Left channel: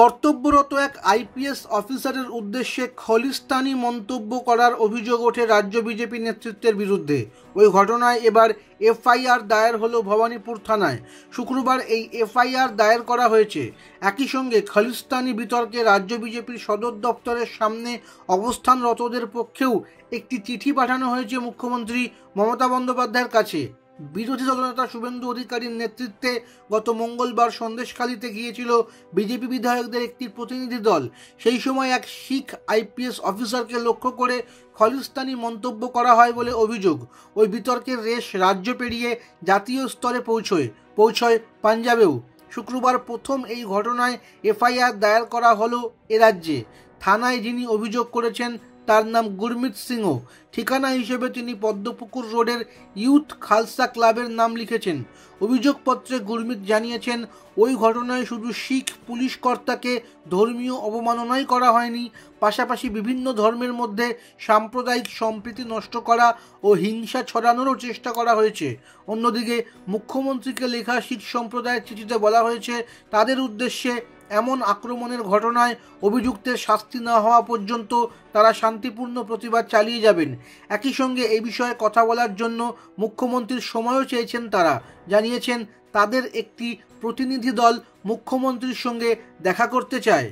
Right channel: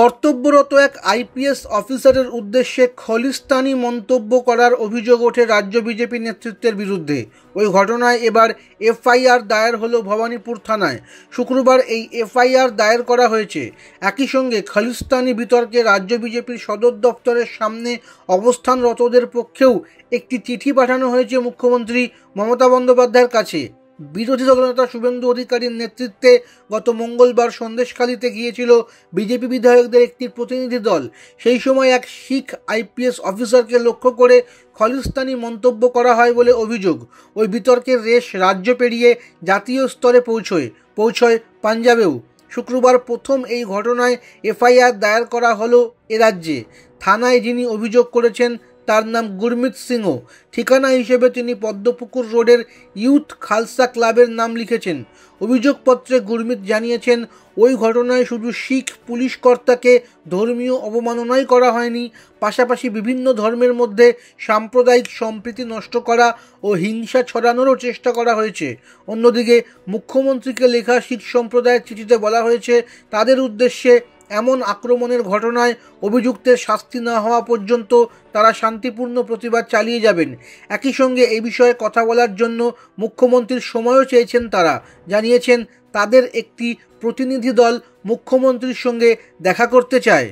কর্তব্যরত এক আইপিএস অফিসারের উদ্দেশ্যে খলিস্তানি মন্তব্য করার অভিযোগ ওঠে রাজ্য বিজেপি নেতৃত্বের বিরুদ্ধে। ওই ঘটনায় এবার এফআইআর দায়ের হলো ভবানীপুর থানায়। শুক্রবার এই এফআইআর দায়ের করা হয়েছে। একই সঙ্গে খলিস্তানি বিতর্কে রাজ্য বিজেপির সদর দপ্তরের সামনে অবস্থানরতদের পক্ষেও একটি চিঠি পাঠানো হয়েছে মুখ্যমন্ত্রী মমতা বন্দ্যোপাধ্যায়ের কাছে। বিরোধী দলনেতা শুভেন্দু অধিকারীর নেতৃত্বে গত মঙ্গলবার সন্দেশখালীতে গিয়েছিল বিজেপি বিধায়কদের একটি প্রতিনিধি দল। সেই সময় এক শিখ আইপিএস অফিসারকে লক্ষ্য করে খলিস্তানি মন্তব্য করা হয় বলে অভিযোগ। ওই বিতর্কের রেশ রাজ্য পেরিয়ে জাতীয় স্তরে পৌঁছয় পাঞ্জাবেও। শুক্রবার প্রথম এই ঘটনায় এফআইআর দায়ের করা হলো এ রাজ্যে। থানায় যিনি অভিযোগ করেছেন তার নাম গুরমিত সিংহ। ঠিকানা হিসেবে তিনি পদ্মপুকুর রোডের ইউথ খালসা ক্লাবের নাম লিখেছেন। অভিযোগপত্রে গুরমিত জানিয়েছেন, ওই ঘটনায় শুধু শিখ পুলিশ কর্তাকে ধর্মীয় অবমাননাই করা হয়নি, পাশাপাশি বিভিন্ন ধর্মের মধ্যে সাম্প্রদায়িক সম্প্রীতি নষ্ট করা ও হিংসা ছড়ানোরও চেষ্টা করা হয়েছে। অন্যদিকে মুখ্যমন্ত্রীকে লেখা শিখ সম্প্রদায়ের চিঠিতে বলা হয়েছে, তাদের উদ্দেশ্যে এমন আক্রমণের ঘটনায় অভিযুক্তের শাস্তি না হওয়া পর্যন্ত তারা শান্তিপূর্ণ প্রতিবাদ চালিয়ে যাবেন। একই সঙ্গে এই বিষয়ে কথা বলার জন্য মুখ্যমন্ত্রীর সময়ও চেয়েছেন তারা। জানিয়েছেন তাদের একটি প্রতিনিধি দল মুখ্যমন্ত্রীর সঙ্গে দেখা করতে চায়।